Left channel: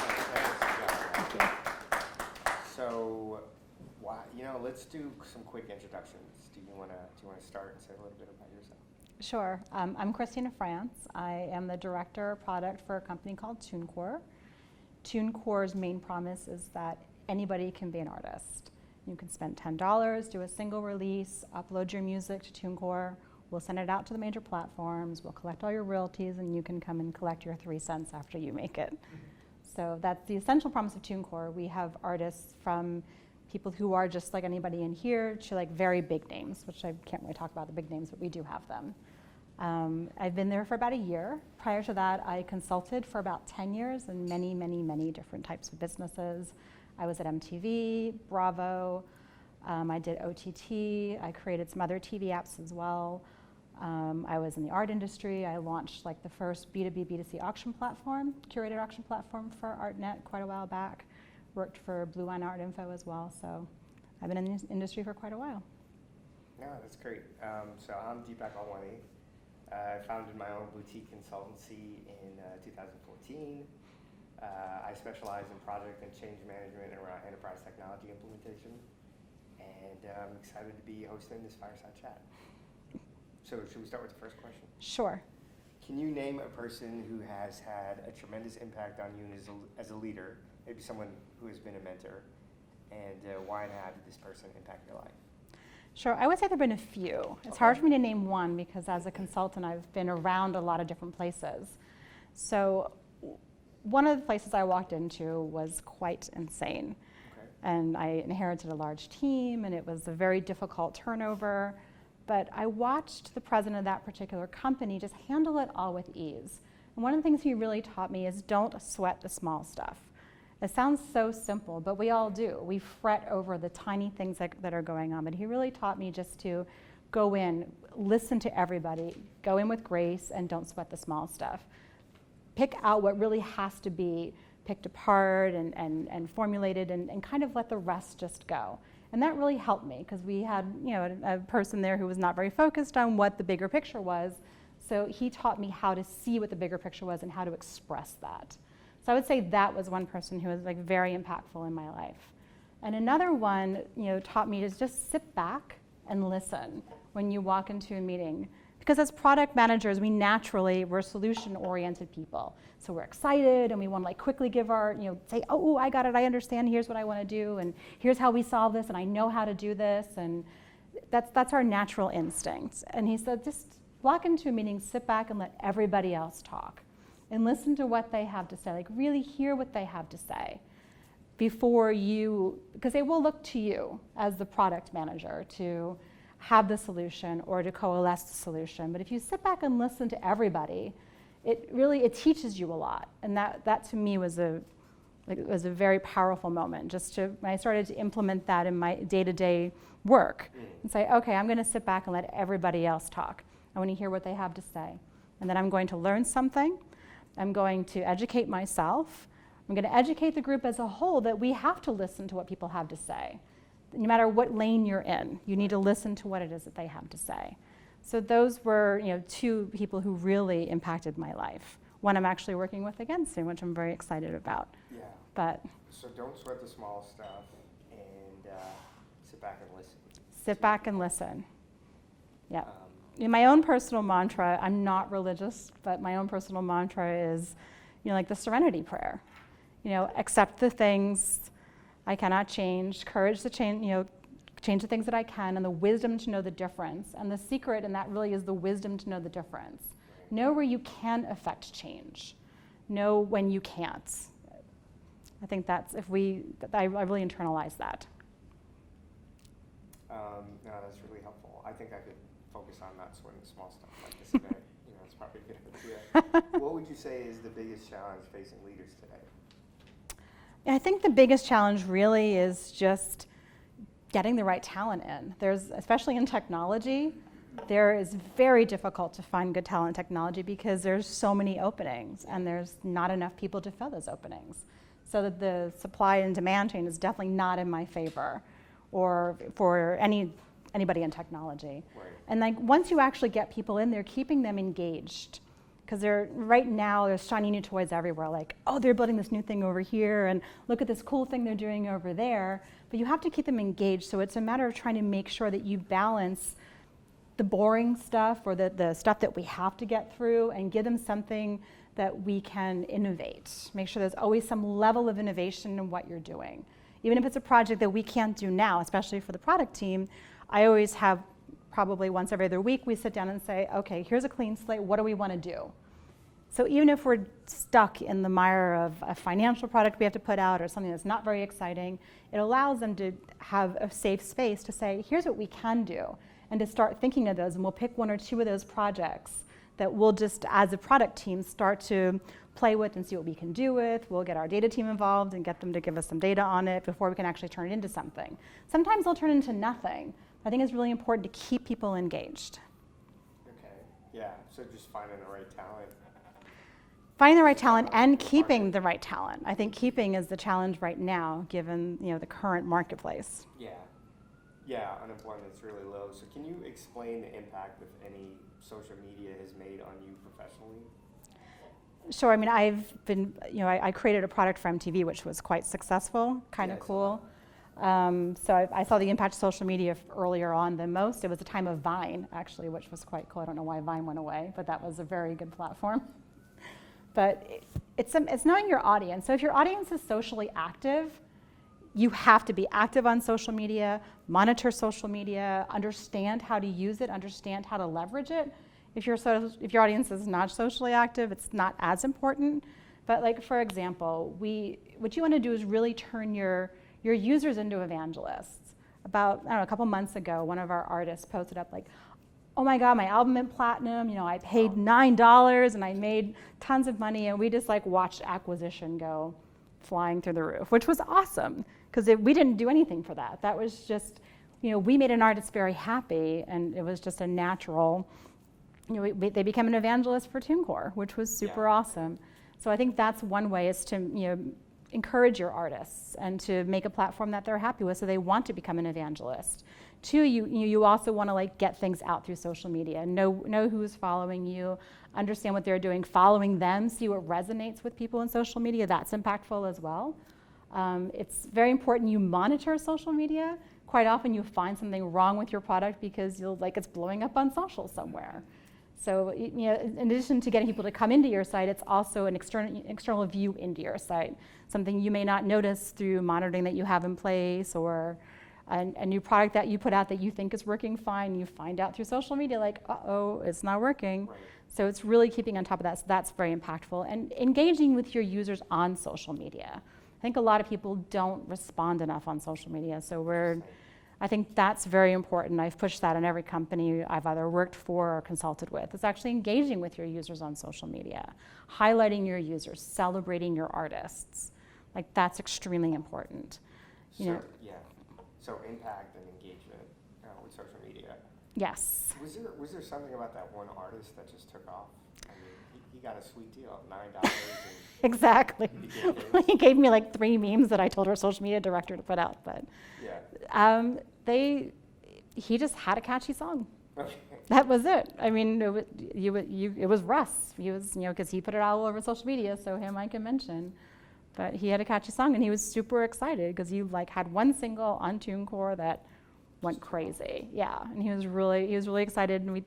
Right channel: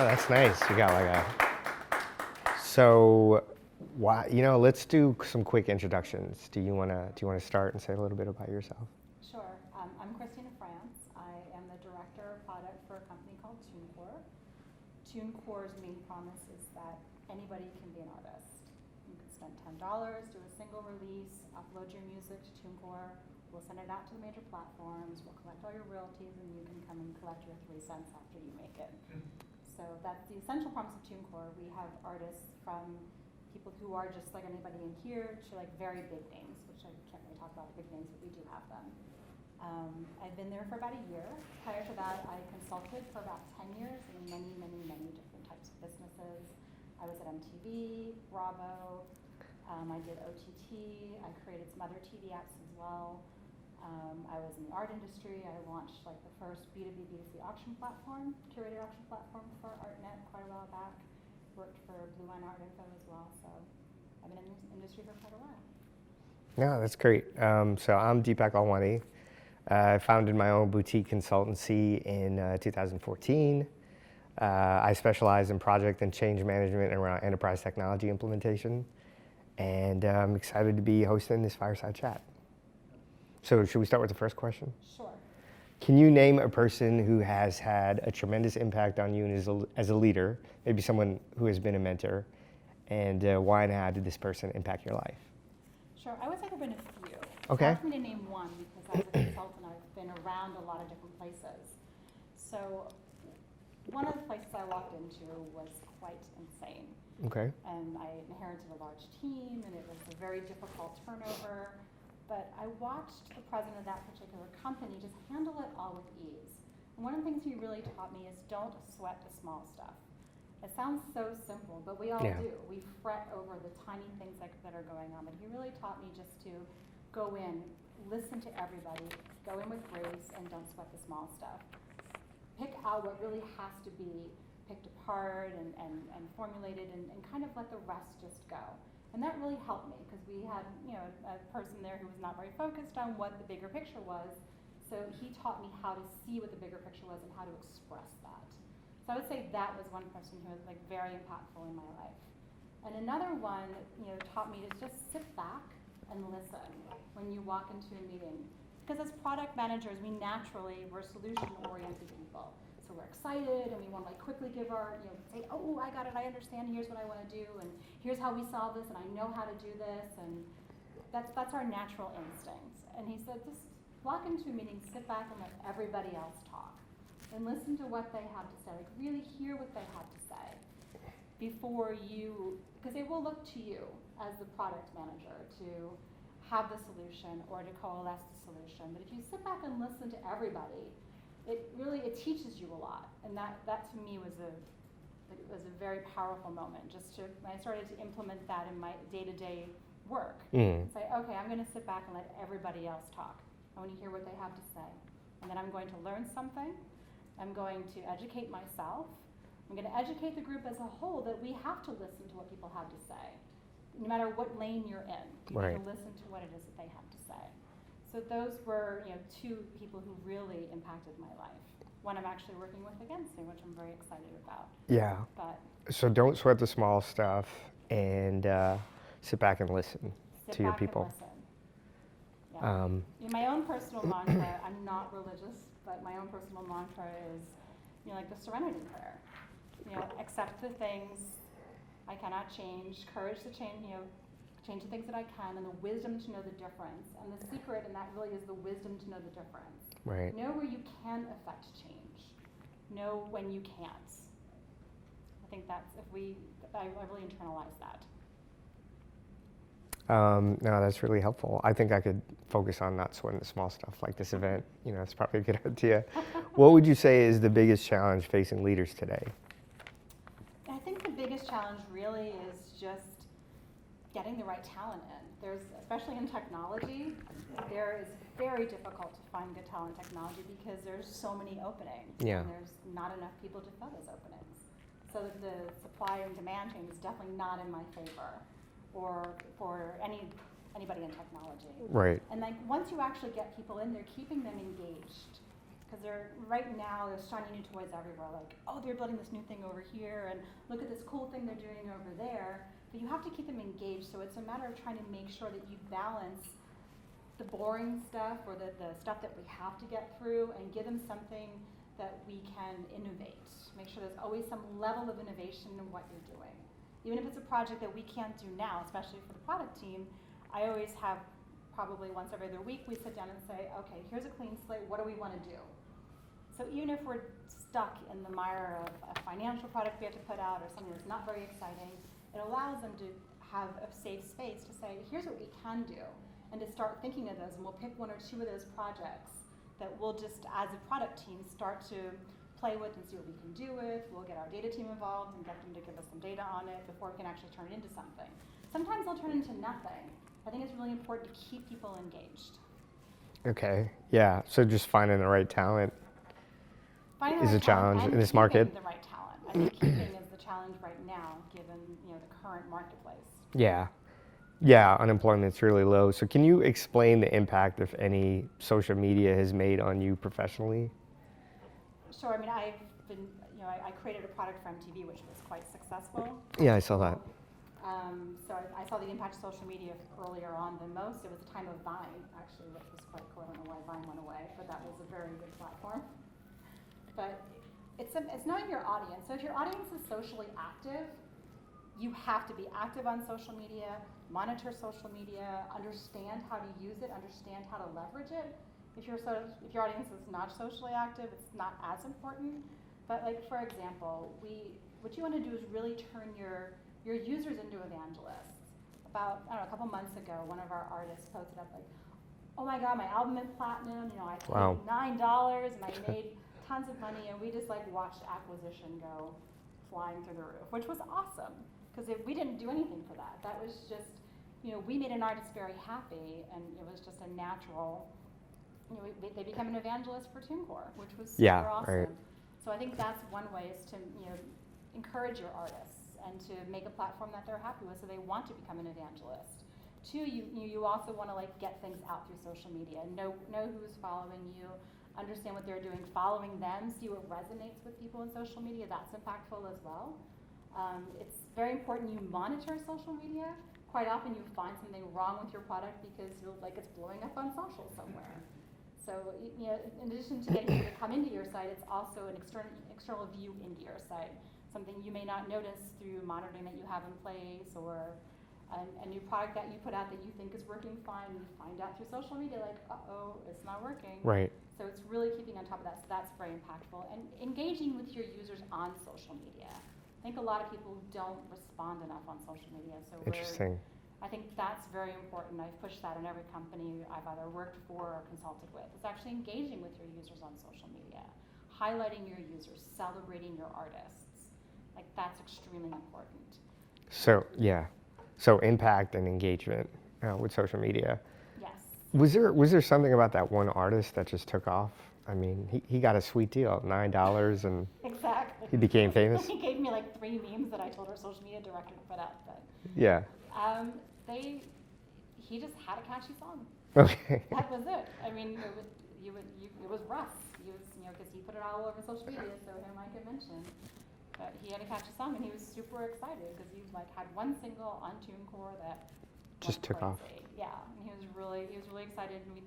Oh, that's nice. You got like a. So, why? Let's do some quick introductions. Do you wanna start and say a little bit about yourself? Sure. I'm Christina France. I am the director of product for a company called TuneCore. TuneCore's main promise is that anybody can be an artist. You can spend $10, do a single release, upload your music to TuneCore. We'll send it out to the major platforms. We'll collect all your royalties, and you can come and collect your 3 cents after you make it. So that's the essential promise of TuneCore. We have artists from people who are just like anybody in here to like very big names, which I can't really talk about the big names, but we do have them. I've been there for about a year. Prior to that, I consulted for about 10 years in many, many, many different types of businesses. I was at MTV, Bravo, I did OTT, I created some other TV apps as well. I was in the art industry. I launched like the first B2B, B2C auction platform, curated auction platform for ArtNet quite a while back. Worked for Blue Line Art Info as well, so I've been in this industry for quite a while. Yeah, that's great. So I'm Deepak Alwani. I founded my own boutique consultancy in 2014. I specialize in project and change management around enterprise technology implementation, and I'm excited to be hosting this Fireside Chat. So should we start with the first question? Sure. Can you name a person who has had a tremendous impact on you as a leader, maybe someone who has been a mentor, and why and how did this person impact your life? Sure, I would say there have been a few. It's hard for me to name one because as a consultant, I've been around a lot of different places. So one of the places I walked into was quite insane. Okay. And I inherited a large team, and it was a very difficult turnover. But I watched the president of that particular company just handle it all with ease. And one of the things he really taught me is don't sweat the small stuff. It sounds so simple, but we all do. We fret over the tiny things that are going on. But he really taught me just to go in, listen to everybody, go in with grace, and don't sweat the small stuff. Pick out what really has to be picked apart and formulated and kind of let the rest just go. And that really helped me because we had a person there who was not very focused on what the bigger picture was. So he taught me how to see what the bigger picture was and how to express that. So I would say that was one person who was like very impactful in my life. And another one taught me to just sit back and listen when you walk into a meeting. Because as product managers, we're solution-oriented people. So we're excited and we want to like quickly give our, say, oh, I got it, I understand, here's what I want to do, and here's how we solve this, and I know how to do this, and that's our natural instinct. And he said, just walk into a meeting, sit back and let everybody else talk. And listen to what they have to say, like really hear what they have to say before because they will look to you as the product manager to have the solution or to coalesce the solution. But if you sit back and listen to everybody, it teaches you a lot. And that to me was a very powerful moment. When I started to implement that in my day-to-day work and say, okay, I'm going to sit back and let everybody else talk. I want to hear what they have to say. And then I'm going to learn something. I'm going to educate myself. I'm going to educate the group as a whole that we have to listen to what people have to say. No matter what lane you're in, you need to listen to what it is that they have to say. So those were 2 people who really impacted my life. One I'm actually working with again soon, which I'm very excited about. Yeah. But so don't sweat the small stuff and sit back and listen. Sit back and listen. Yeah. In my own personal mantra, I'm not religious, but my own personal mantra is, like the Serenity Prayer. Accept the things I cannot change, courage to change, change the things that I can, and the wisdom to know the difference. And the secret in that really is the wisdom to know the difference. Right. Know where you can affect change. Know when you can't. I think I really internalize that. No, that's really helpful. I think I could focus on not sweating the small stuff like this event. It's probably a good idea. What would you say is the biggest challenge facing leaders today? I think the biggest challenge really is just getting the right talent in. Especially in technology, there is very difficult to find good talent in technology because there's so many openings and there's not enough people to fill those openings. So that the supply and demand chain is definitely not in my favor or for anybody in technology. Right. And like once you actually get people in there, keeping them engaged because right now there's shiny new toys everywhere, like, oh, they're building this new thing over here, and look at this cool thing they're doing over there. But you have to keep them engaged, so it's a matter of trying to make sure that you balance the boring stuff or the stuff that we have to get through and give them something that we can innovate. Make sure there's always some level of innovation in what you're doing. Even if it's a project that we can't do now, especially for the product team, I always have probably once every other week we sit down and say, okay, here's a clean slate, what do we want to do? So even if we're stuck in the mire of a financial product we have to put out or something that's not very exciting, it allows them to have a safe space to say, here's what we can do, and to start thinking of those, and we'll pick one or two of those projects that we'll just, as a product team, start to play with and see what we can do with. We'll get our data team involved and get them to give us some data on it before we can actually turn it into something. Sometimes they'll turn into nothing. I think it's really important to keep people engaged. Okay, yeah, so just finding the right talent. Finding the right a talent challenge in and this keeping market. the right talent. I think keeping is the challenge right now, given the current marketplace. Yeah, unemployment's really low. So can you explain the impact, if any, social media has made on you professionally? Sure. I mean, I've been, I created a product for MTV, which was quite successful. Yeah, I saw that. So I saw the impact of social media earlier on than most. It was a time of Vine, actually, which was quite cool. I don't know why Vine went away, but that was a very good platform. But it's knowing your audience. So if your audience is socially active, you have to be active on social media, monitor social media, understand how to use it, understand how to leverage it. If your audience is not socially active, it's not as important. But like, for example, what you want to do is really turn your users into evangelists. About, a couple months ago, one of our artists posted up like, oh my God, my album went platinum, I paid $9 and I made tons of money, and we just like watched acquisition go flying through the roof, which was awesome, because we didn't do anything for that. That was just, we made an artist very happy, and it was just a natural, they became an evangelist for TuneCore, which was super awesome. Right. So I think that's one way, is to, encourage your artists and to make a platform that they're happy with, so they want to become an evangelist. Two, you also want to like get things out through social media, know who's following you, understand what they're doing, following them, see what resonates with people in social media. That's impactful as well. It's very important you monitor social media. Quite often you find something wrong with your product because it's blowing up on social somewhere. So in addition to getting people to come into your site, it's also an external view into your site, something you may not notice through monitoring that you have in place, or a new product that you put out that you think is working fine, you find out through social media like, uh-oh, it's not working. Right. So it's really keeping on top of that. So that's very impactful. And engaging with your users on social media. I think a lot of people don't respond enough on social media. So I think that's very important. I've pushed that in every company I've either worked for or consulted with. It's actually engaging with your users on social media, highlighting your users, celebrating your artists. Like, that's extremely important. So, yeah. So impact and engagement with social media. Yes. Was there something about that one artist that just took off? I mean, he got a sweet deal, $9, and exactly. He became famous. He gave me like 3 memes that I told our social media director to put out, but yeah. He just had a catchy song. Okay. That was it. I mean, it was Russ. He was, because he put it all over social media, so him I can mention. But he had a catchy song, and he was super excited because he had one single on TuneCore that went crazy. Yeah, and he was really excited, and we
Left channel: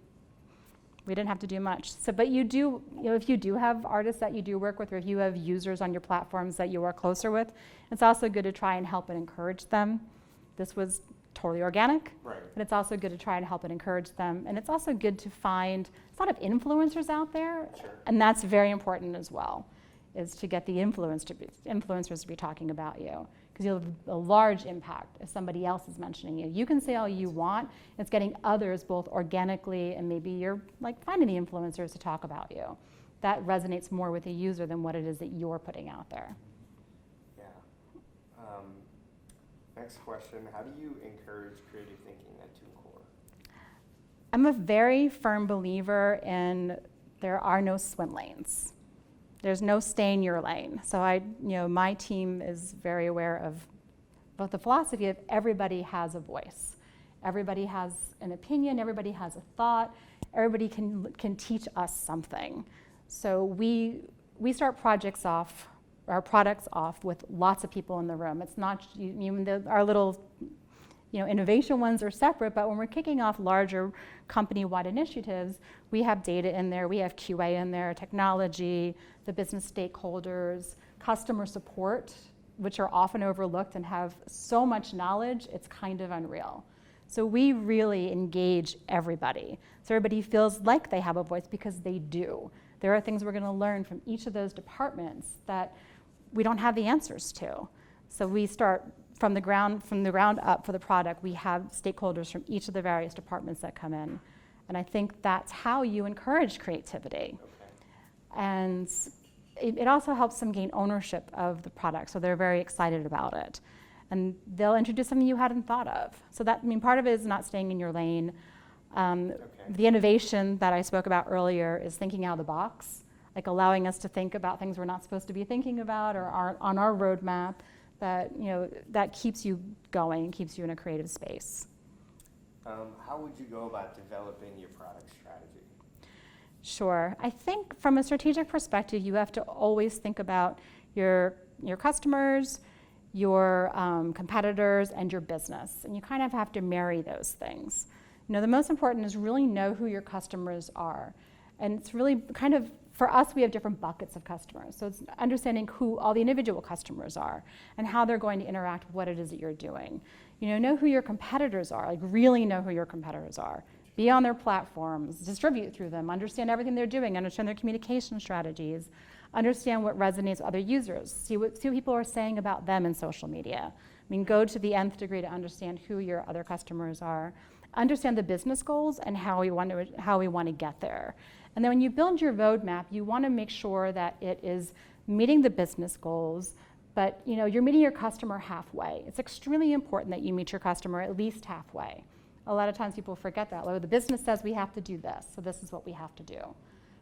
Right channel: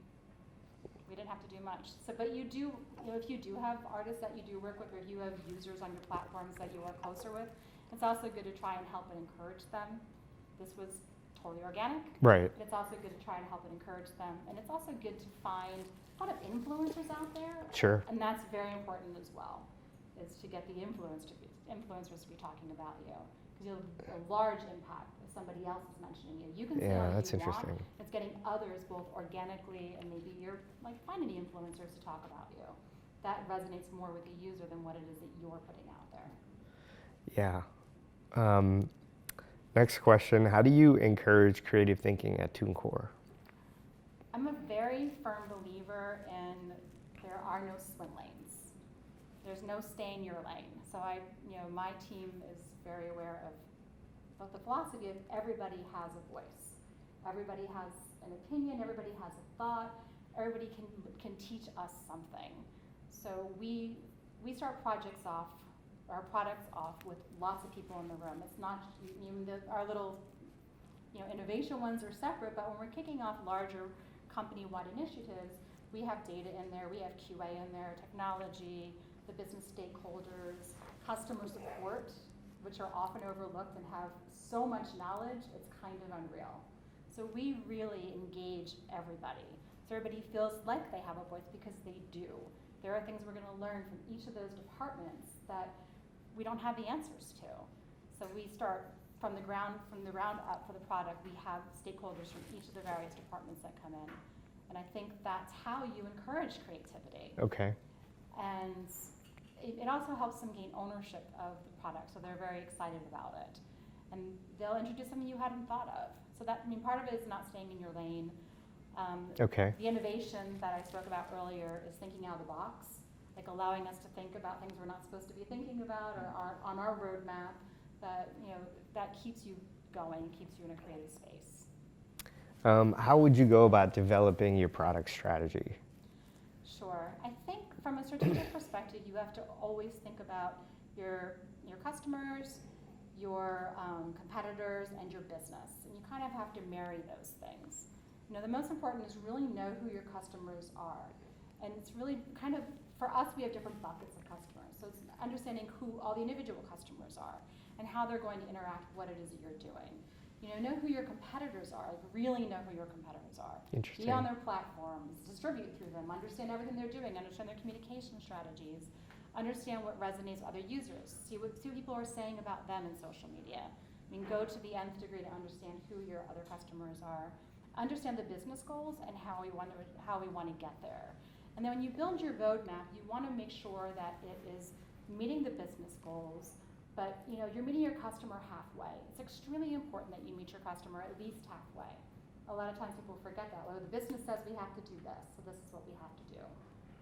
didn't have to do much. So, but you do, if you do have artists that you do work with, or if you have users on your platforms that you work closer with, it's also good to try and help and encourage them. This was totally organic. Right. But it's also good to try and help and encourage them. And it's also good to find a lot of influencers out there. Sure. And that's very important as well, is to get the influencers to be talking about you. Because you'll have a large impact if somebody else is mentioning you. You can say all you want. It's getting others both organically, and maybe you're finding the influencers to talk about you. That resonates more with the user than what it is that you're putting out there. Yeah. Next question, how do you encourage creative thinking at TuneCore? I'm a very firm believer in there are no swim lanes. There's no stay in your lane. So my team is very aware of both the philosophy of everybody has a voice. Everybody has an opinion, everybody has a thought, everybody can teach us something. So we start our products off with lots of people in the room. It's not, our little innovation ones are separate, but when we're kicking off larger company-wide initiatives, we have data in there, we have QA in there, technology, the business stakeholders, customer support, which are often overlooked and have so much knowledge, it's kind of unreal. So we really engage everybody. So everybody feels like they have a voice because they do. There are things we're going to learn from each of those departments that we don't have the answers to. So we start from the ground up for the product. We have stakeholders from each of the various departments that come in. And I think that's how you encourage creativity. Okay. And it also helps them gain ownership of the product, so they're very excited about it. And they'll introduce something you hadn't thought of. So that, part of it is not staying in your lane. Okay. The innovation that I spoke about earlier is thinking out of the box, like allowing us to think about things we're not supposed to be thinking about or aren't on our roadmap, that keeps you going, keeps you in a creative space. How would you go about developing your product strategy? Sure. I think from a strategic perspective, you have to always think about your customers, your competitors, and your business. And you kind of have to marry those things. The most important is really know who your customers are. And it's really kind of, for us, we have different buckets of customers. So it's understanding who all the individual customers are and how they're going to interact with what it is that you're doing. Know who your competitors are, like really know who your competitors are. Be on their platforms, distribute through them, understand everything they're doing, understand their communication strategies, understand what resonates with other users, see what people are saying about them in social media. Go to the nth degree to understand who your other customers are, understand the business goals and how we want to get there. And then when you build your roadmap, you want to make sure that it is meeting the business goals, but you're meeting your customer halfway. It's extremely important that you meet your customer at least halfway. A lot of times people forget that. The business says we have to do this, so this is what we have to do.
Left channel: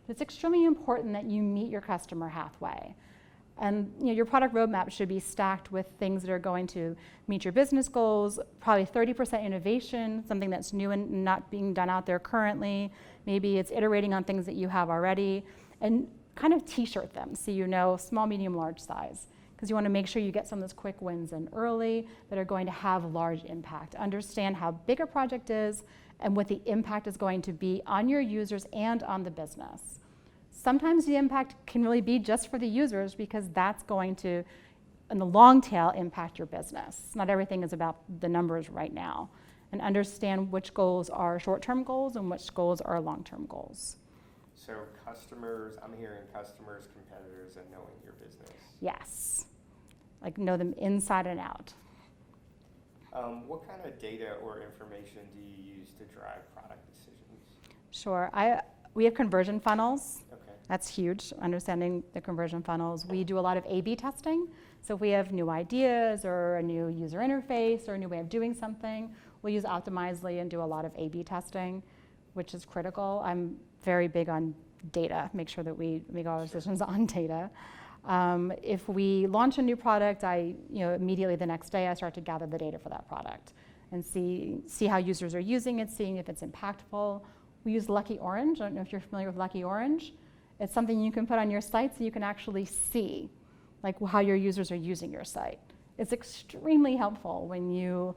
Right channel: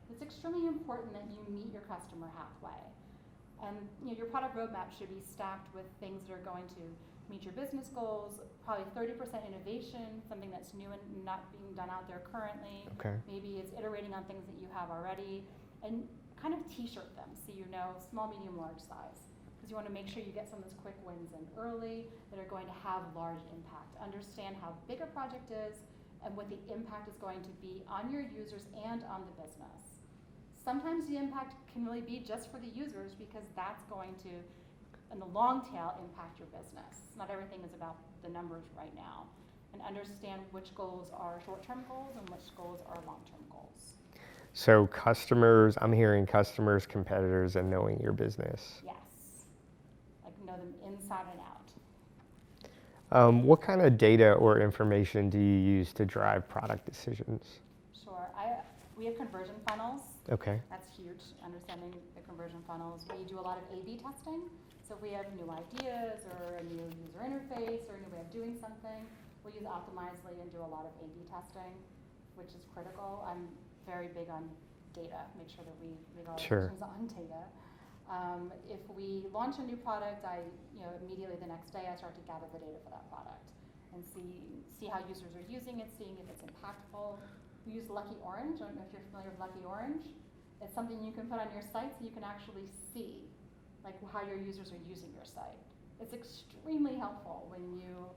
It's extremely important that you meet your customer halfway. And your product roadmap should be stacked with things that are going to meet your business goals, probably 30% innovation, something that's new and not being done out there currently. Okay. Maybe it's iterating on things that you have already, and kind of t-shirt them so small, medium, large size. Because you want to make sure you get some of those quick wins in early that are going to have large impact. Understand how big a project is and what the impact is going to be on your users and on the business. Sometimes the impact can really be just for the users because that's going to, in the long tail, impact your business. Not everything is about the numbers right now. And understand which goals are short-term goals and which goals are long-term goals. So customers, I'm hearing customers, competitors, and knowing your business. Yes. Know them inside and out. What kind of data or information do you use to drive product decisions? Sure. We have conversion funnels. Okay. That's huge, understanding the conversion funnels. We do a lot of A/B testing. So if we have new ideas or a new user interface or a new way of doing something, we'll use Optimizely and do a lot of A/B testing, which is critical. I'm very big on data, make sure that we make all our decisions on data. If we launch a new product, immediately the next day I start to gather the data for that product and see how users are using it, seeing if it's impactful. We use Lucky Orange. I don't know if you're familiar with Lucky Orange. It's something you can put on your site so you can actually see how your users are using your site. It's extremely helpful when you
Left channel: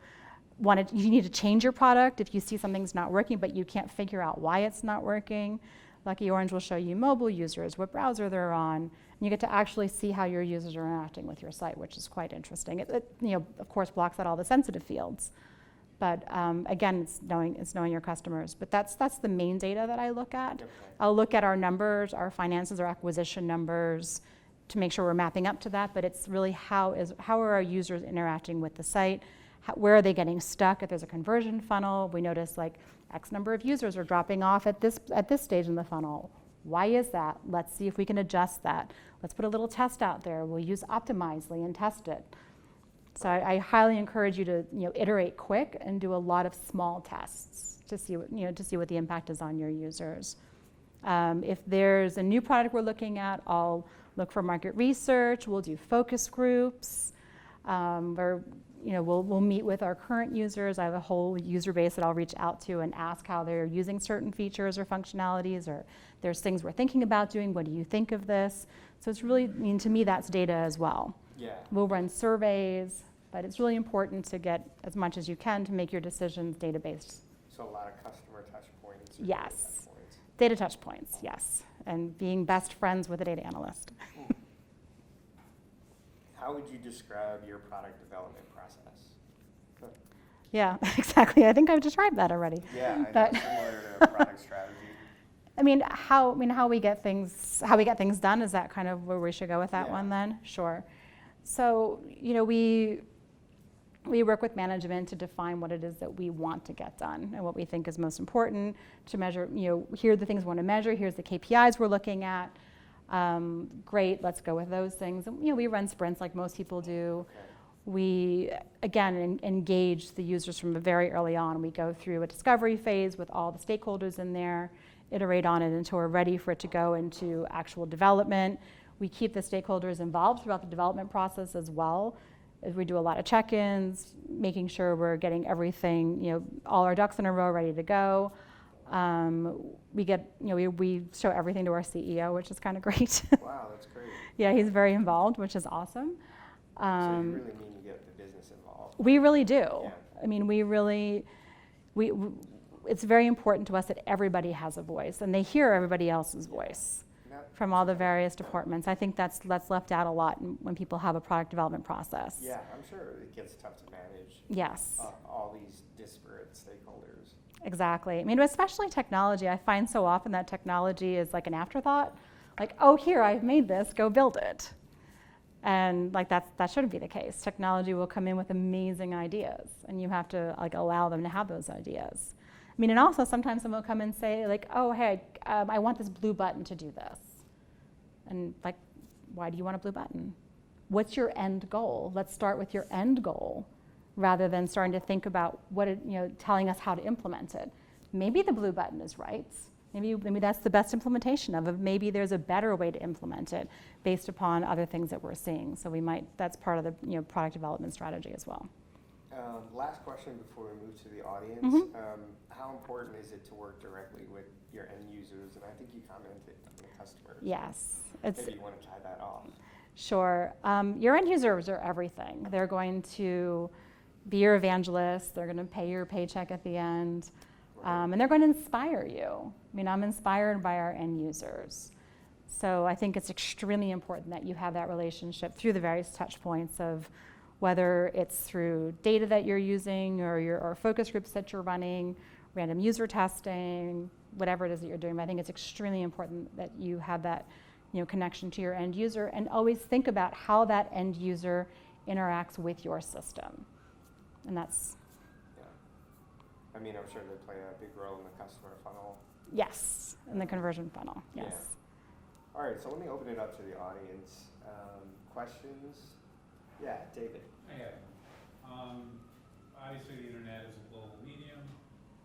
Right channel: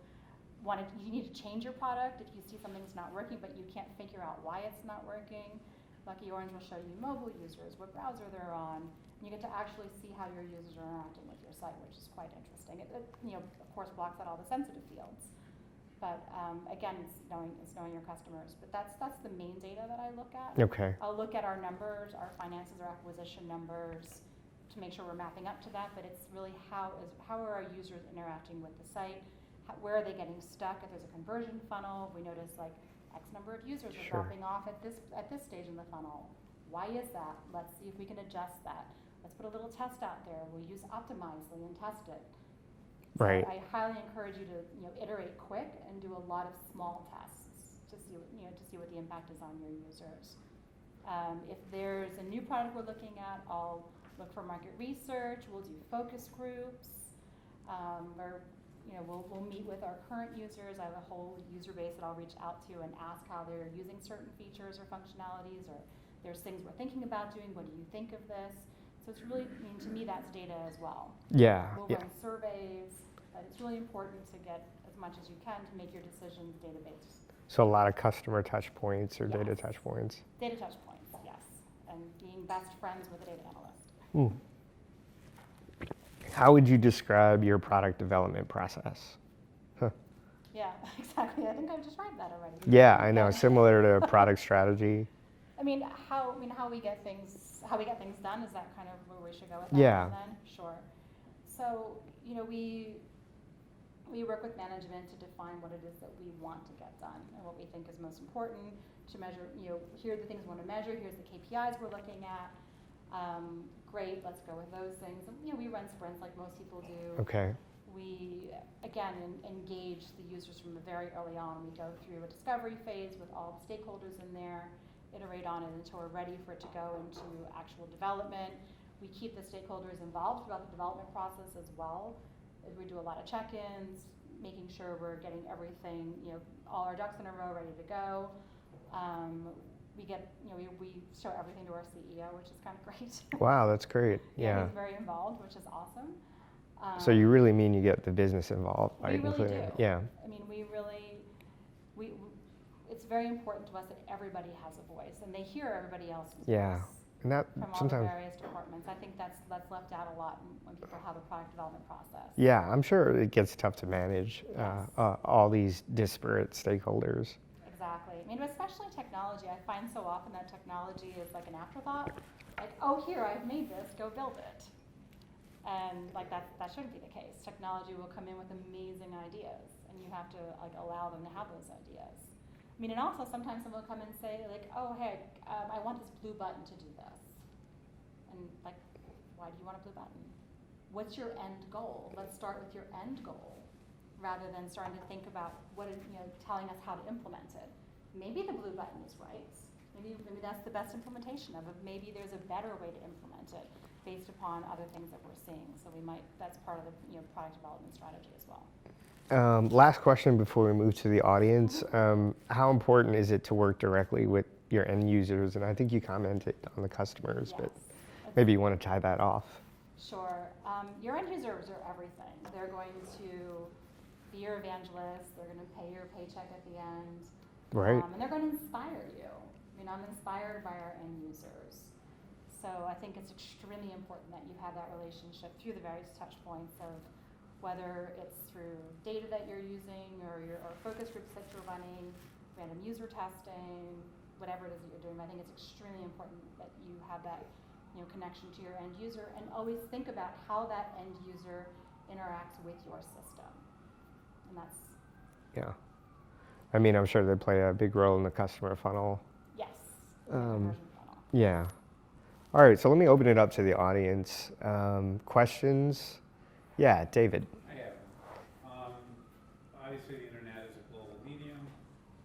need to change your product. If you see something's not working but you can't figure out why it's not working, Lucky Orange will show you mobile users, what browser they're on. You get to actually see how your users are interacting with your site, which is quite interesting. It of course blocks out all the sensitive fields, but again, it's knowing your customers. But that's the main data that I look at. Okay. I'll look at our numbers, our finances, our acquisition numbers, to make sure we're mapping up to that. But it's really how are our users interacting with the site? Where are they getting stuck? If there's a conversion funnel, we notice X number of users are dropping off at this stage in the funnel. Why is that? Let's see if we can adjust that. Let's put a little test out there. We'll use Optimizely and test it. So Right. I highly encourage you to iterate quick and do a lot of small tests to see what the impact is on your users. If there's a new product we're looking at, I'll look for market research. We'll do focus groups. we'll meet with our current users. I have a whole user base that I'll reach out to and ask how they're using certain features or functionalities, or there's things we're thinking about doing. What do you think of this? So it's really, to me, that's data as well. Yeah. We'll run surveys, but it's really important to get as much as you can to make your decisions data-based. So a lot of customer touch points or Yes. data touch points. Data touch points, yes. And being best friends with a data analyst. How would you describe your product development process? Yeah, exactly. I think I've described that already. Yeah, I know. Similar to product strategy. How we get things done, is that kind of where we should go with that one then? Sure. So, we work with management to define what it is that we want to get done and what we think is most important to measure. Here are the things we want to measure. Here's the KPIs we're looking at. Great, let's go with those things. And, we run sprints like most people do. Okay. We, again, engage the users from very early on. We go through a discovery phase with all the stakeholders in there, iterate on it until we're ready for it to go into actual development. We keep the stakeholders involved throughout the development process as well. As we do a lot of check-ins, making sure we're getting everything, all our ducks in a row ready to go. We show everything to our CEO, which is kind of great. Wow, that's great. Yeah, he's very involved, which is awesome. So you really mean you get the business involved? We really do. Yeah. It's very important to us that everybody has a voice and they hear everybody else's voice from all the various departments. I think that's left out a lot when people have a product development process. Yeah, I'm sure it gets tough to manage Yes. all these disparate stakeholders. Exactly. Especially technology. I find so often that technology is like an afterthought. Like, oh, here, I've made this, go build it. And that shouldn't be the case. Technology will come in with amazing ideas, and you have to allow them to have those ideas. And also sometimes someone will come and say oh, hey, I want this blue button to do this. And why do you want a blue button? What's your end goal? Let's start with your end goal, rather than starting to think about telling us how to implement it. Maybe the blue button is right. Maybe that's the best implementation of it. Maybe there's a better way to implement it based upon other things that we're seeing. So that's part of the product development strategy as well. Last question before we move to the audience. How important is it to work directly with your end users? And I think you commented on the customers. Yes. Maybe you want to tie that off. Sure. Your end users are everything. They're going to be your evangelists. They're going to pay your paycheck at the end. Right. And they're going to inspire you. I'm inspired by our end users. So I think it's extremely important that you have that relationship through the various touch points of whether it's through data that you're using or focus groups that you're running, random user testing, whatever it is that you're doing. But I think it's extremely important that you have that connection to your end user, and always think about how that end user interacts with your system. And that's... Yeah. I'm sure they play a big role in the customer funnel. Yes, in the conversion funnel. Yeah. Yes. All right, so let me open it up to the audience. Questions? Yeah, David. I have. Obviously, the internet is a global medium.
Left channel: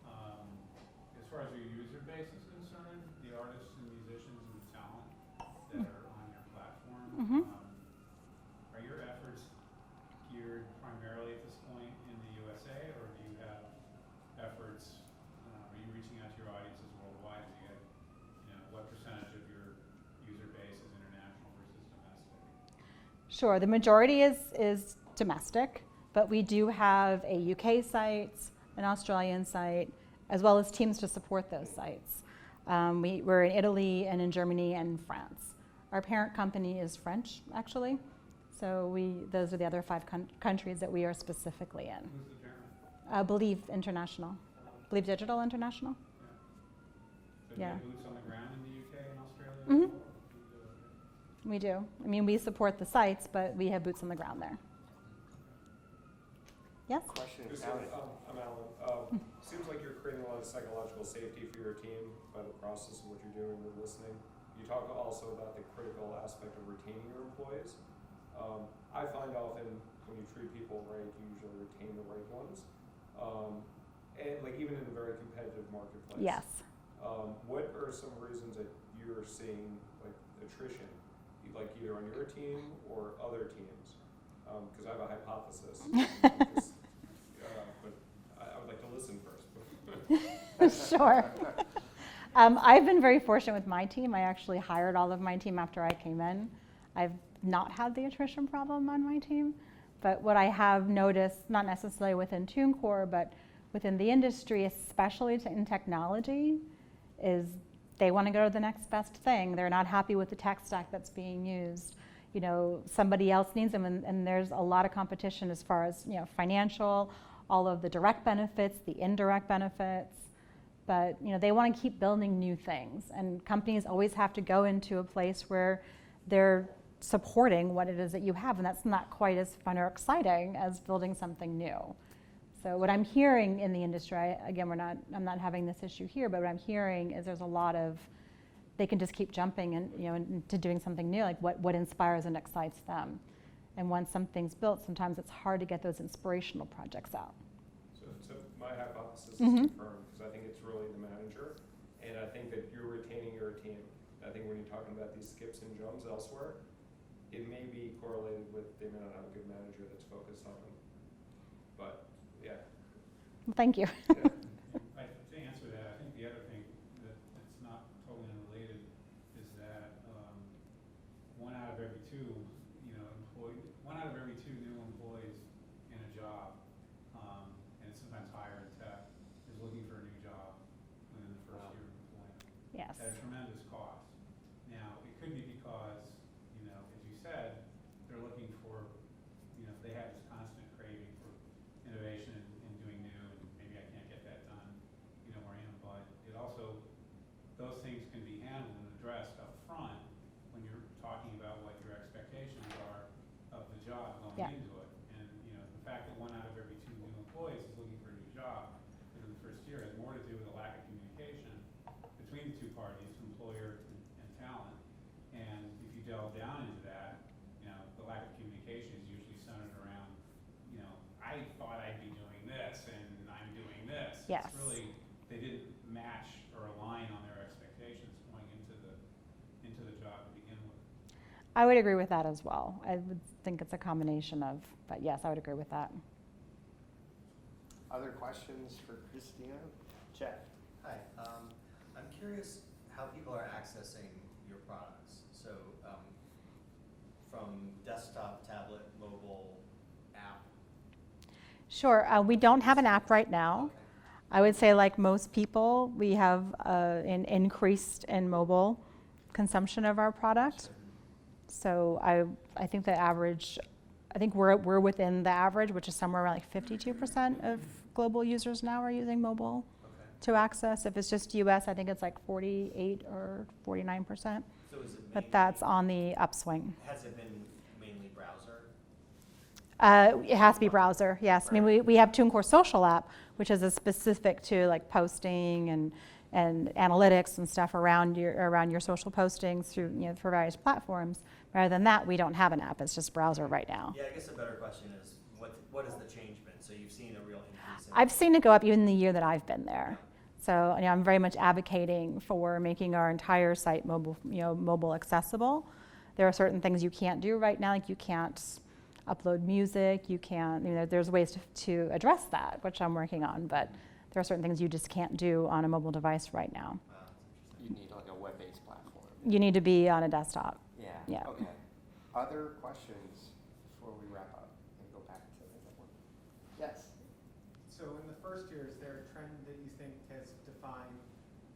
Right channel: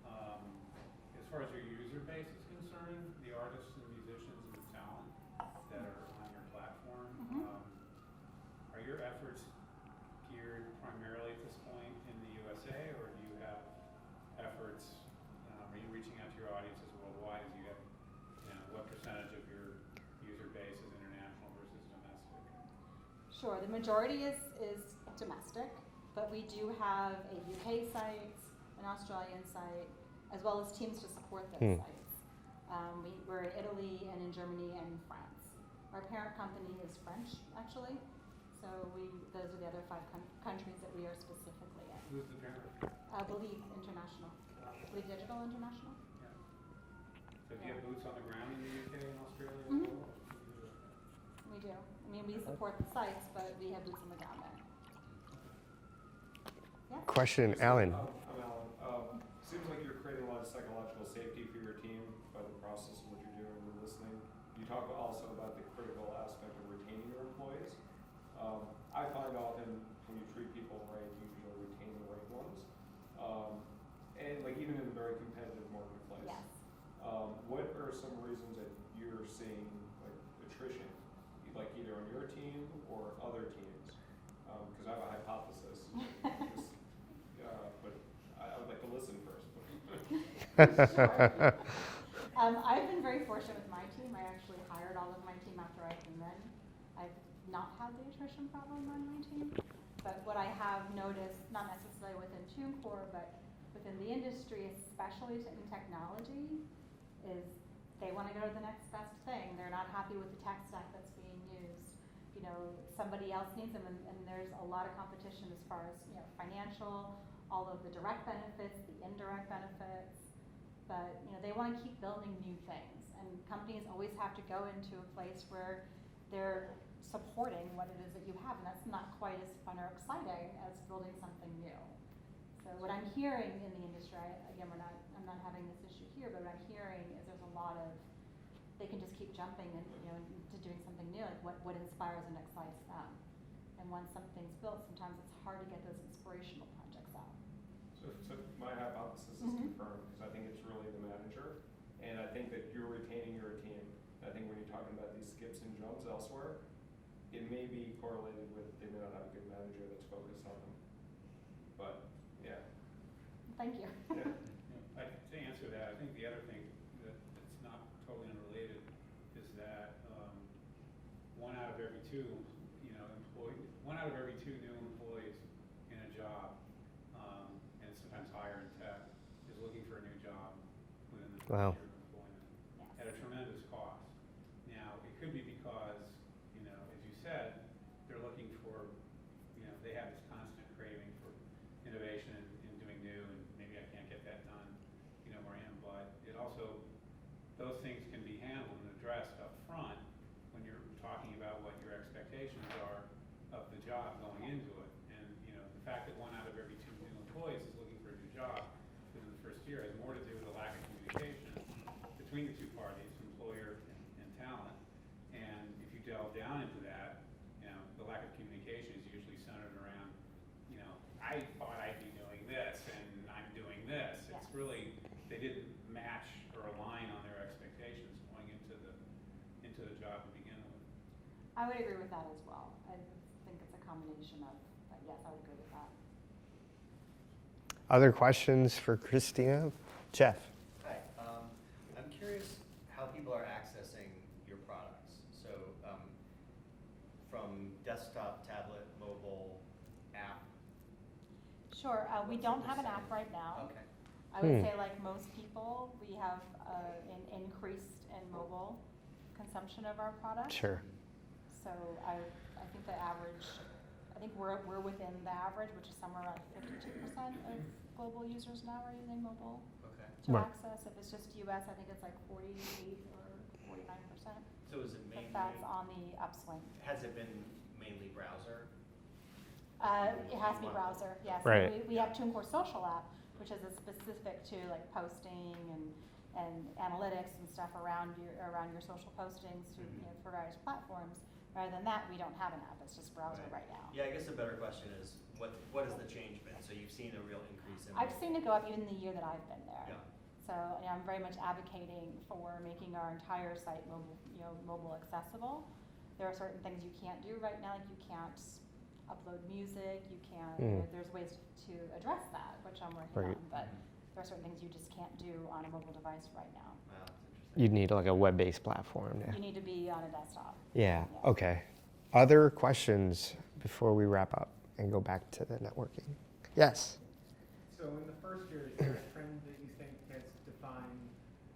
As far as your user base is concerned, the artists and musicians and talent that are on your platform, are your efforts geared primarily at this point in the USA, or do you have efforts, are you reaching out to your audiences worldwide? Do you have, what percentage of your user base is international versus domestic? Sure, the majority is domestic, but we do have a UK site, an Australian site, as well as teams to support those sites. We're in Italy and in Germany and France. Our parent company is French, actually. So those are the other 5 countries that we are specifically in. Who's the parent? Believe International. Believe Digital International. So do you have boots on the ground in the UK and Australia? Mm-hmm. We do. We support the sites, but we have boots on the ground there. Yes? Question, Alan. I'm Alan. Seems like you're creating a lot of psychological safety for your team by the process of what you're doing with listening. You talk also about the critical aspect of retaining your employees. I find often when you treat people right, you usually retain the right ones. And even in a very competitive marketplace. Yes. What are some reasons that you're seeing attrition, either on your team or other teams? Because I have a hypothesis. Sure. I've been very fortunate with my team. I actually hired all of my team after I came in. I've not had the attrition problem on my team. But what I have noticed, not necessarily within TuneCore, but within the industry, especially in technology, is they want to go to the next best thing. They're not happy with the tech stack that's being used. You know, somebody else needs them, and there's a lot of competition as far as, you know, financial, all of the direct benefits, the indirect benefits. But, you know, they want to keep building new things, and companies always have to go into a place where they're supporting what it is that you have, and that's not quite as fun or exciting as building something new. So what I'm hearing in the industry, I'm not having this issue here, but what I'm hearing is there's a lot of, they can just keep jumping and, you know, into doing something new, like what inspires and excites them. And once something's built, sometimes it's hard to get those inspirational projects out. So my hypothesis is Mhm. confirmed, because I think it's really the manager, and I think that you're retaining your team. I think when you're talking about these skips and jumps elsewhere, it may be correlated with they may not have a good manager that's focused on them. But, yeah. Well, thank you. Yeah. To answer that, I think the other thing that's not totally unrelated is that one out of every two, one out of every two new employees in a job, and sometimes higher in tech, is looking for a new job within the first Wow. year of employment. Yes. At a tremendous cost. Now, it could be because, you know, as you said, they're looking for, you know, they have this constant craving for innovation and doing new, and maybe I can't get that done, you know, where I am. But it also, those things can be handled and addressed up front when you're talking about what your expectations are of the job going Yeah. into it. And, you know, the fact that one out of every two new employees is looking for a new job within the first year has more to do with a lack of communication between the two parties, employer and talent. And if you delve down into that, you know, the lack of communication is usually centered around, you know, I thought I'd be doing this and I'm doing this. Yes. It's really, they didn't match or align on their expectations going into the job to begin with. I would agree with that as well. I would think it's a combination of, but yes, I would agree with that. Other questions for Christina? Jeff? Hi, I'm curious how people are accessing your products. So from desktop, tablet, mobile, app. Sure. We don't have an app right now. Okay. I would say, like most people, we have an increased in mobile consumption of our product. Sure. So I think the average, I think we're within the average, which is somewhere around like 52% of global users now are using mobile Okay. to Right. access. If it's just US, I think it's like 48 or 49%. So is it mainly, But that's on the upswing. has it been mainly browser? It has to be browser, yes. I mean, Right. we have TuneCore Social app, which is a specific to like posting and analytics and stuff around your social postings through, you know, for various platforms. Rather than that, we don't have an app. It's just browser right now. Yeah, I guess a better question is, what has the change been? So you've seen a real increase in. I've seen it go up even the year that I've been there. So, you know, I'm very much advocating for making our entire site mobile accessible. There are certain things you can't do right now, like you can't upload music, you can't, you know, there's ways to address that, which I'm working Right. on, but there are certain things you just can't do on a mobile device right now. That's interesting. You'd need like a web-based platform. You need to be on a desktop. Yeah. Yeah. Okay. Other questions before we wrap up and go back to the networking? Yes. So in the first year, is there a trend that you think has defined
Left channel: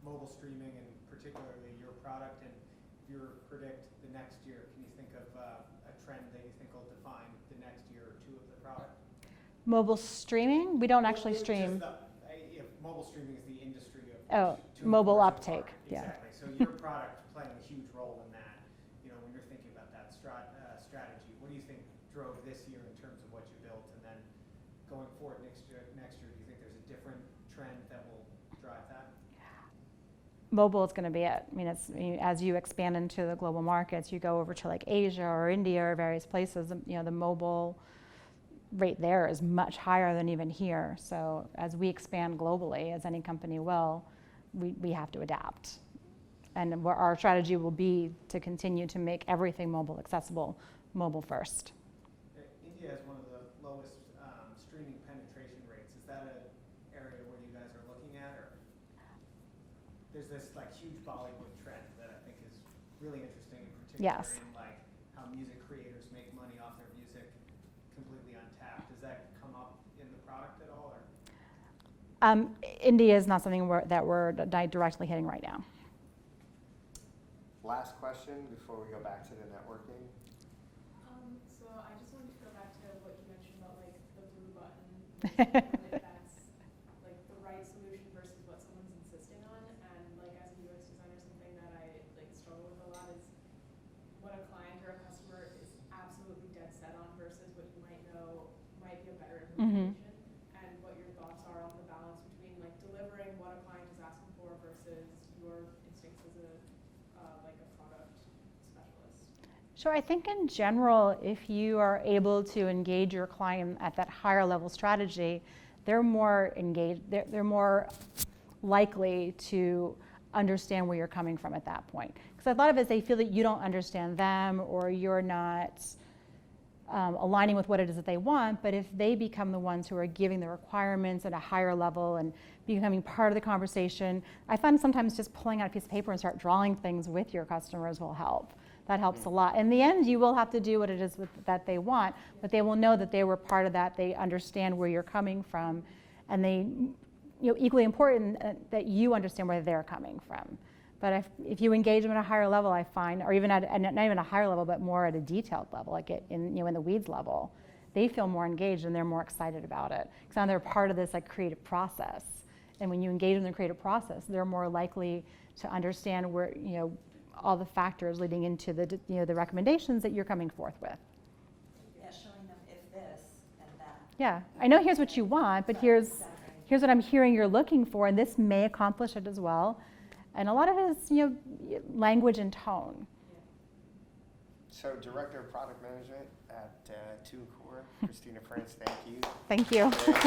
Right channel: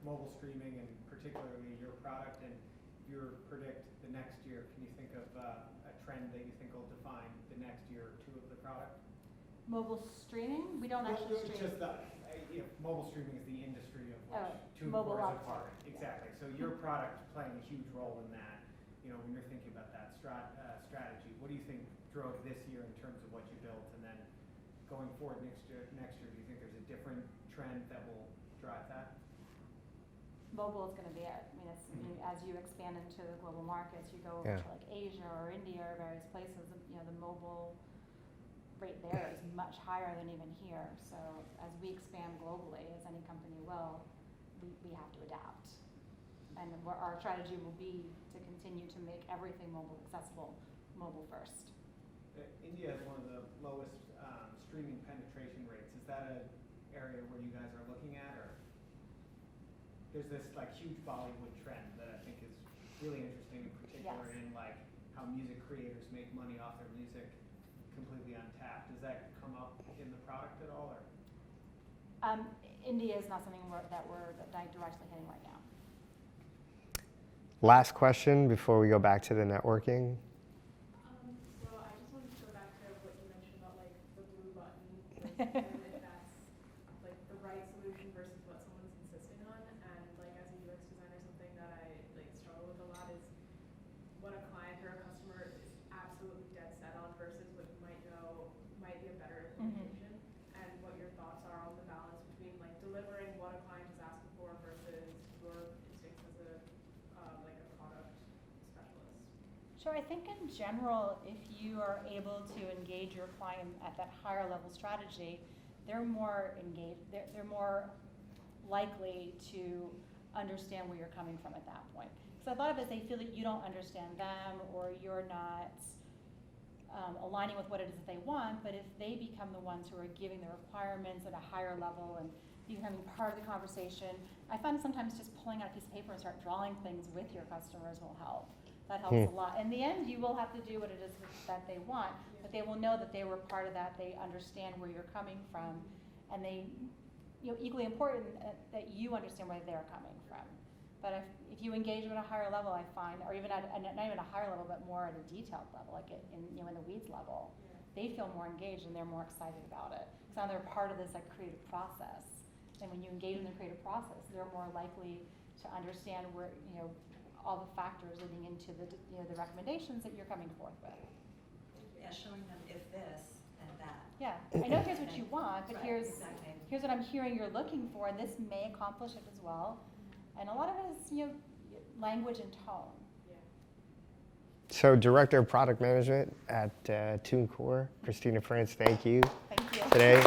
mobile streaming and particularly your product? And if you were to predict the next year, can you think of a trend that you think will define the next year or two of the product? Mobile streaming? We don't actually Just stream. mobile streaming is the industry of Oh, which mobile TuneCore is a uptake, part. yeah. Exactly. So your product playing a huge role in that. You know, when you're thinking about that strategy, what do you think drove this year in terms of what you built, and then going forward next year, do you think there's a different trend that will drive that? Mobile is going to be it. I mean, it's, as you expand into the global markets, you go over Yeah. to like Asia or India or various places, you know, the mobile rate there is much higher than even here. So as we expand globally, as any company will, we have to adapt. And our strategy will be to continue to make everything mobile accessible, mobile first. India has one of the lowest streaming penetration rates. Is that an area where you guys are looking at, or? there's this like huge Bollywood trend that I think is really interesting, in particular Yes. in like how music creators make money off their music completely untapped. Does that come up in the product at all, or? India is not something that we're directly hitting right now. Last question before we go back to the networking. So I just wanted to go back to what you mentioned about like the blue button, like, if that's like the right solution versus what someone's insisting on. And like as a UX designer, something that I like struggle with a lot is what a client or a customer is absolutely dead set on versus what you might know might be a better implementation. And what your thoughts are on the balance between like delivering what a client is asking for versus your instincts as a like a product specialist. Sure, I think in general, if you are able to engage your client at that higher level strategy, they're more engaged, they're more likely to understand where you're coming from at that point. Because a lot of it is they feel that you don't understand them or you're not aligning with what it is that they want, but if they become the ones who are giving the requirements at a higher level and becoming part of the conversation, I find sometimes just pulling out a piece of paper and start drawing things with your customers will help. That helps a lot. In the end, you will have to do what it is that they want, but they will know that they were part of that. They understand where you're coming from, and they, equally important that you understand where they're coming from. But if you engage them at a higher level, I find, or even at not even a higher level, but more at a detailed level, like in the weeds level, they feel more engaged and they're more excited about it. Because now they're part of this like creative process. And when you engage in the creative process, they're more likely to understand where, all the factors leading into the, the recommendations that you're coming forth with. Yeah, showing them if this and that. Yeah, I know here's what you want, but Right, here's exactly. what I'm hearing you're looking for, and this may accomplish it as well. And a lot of it is, language and tone. So Director of Product Management at TuneCore, Christina France, thank you Thank you. today.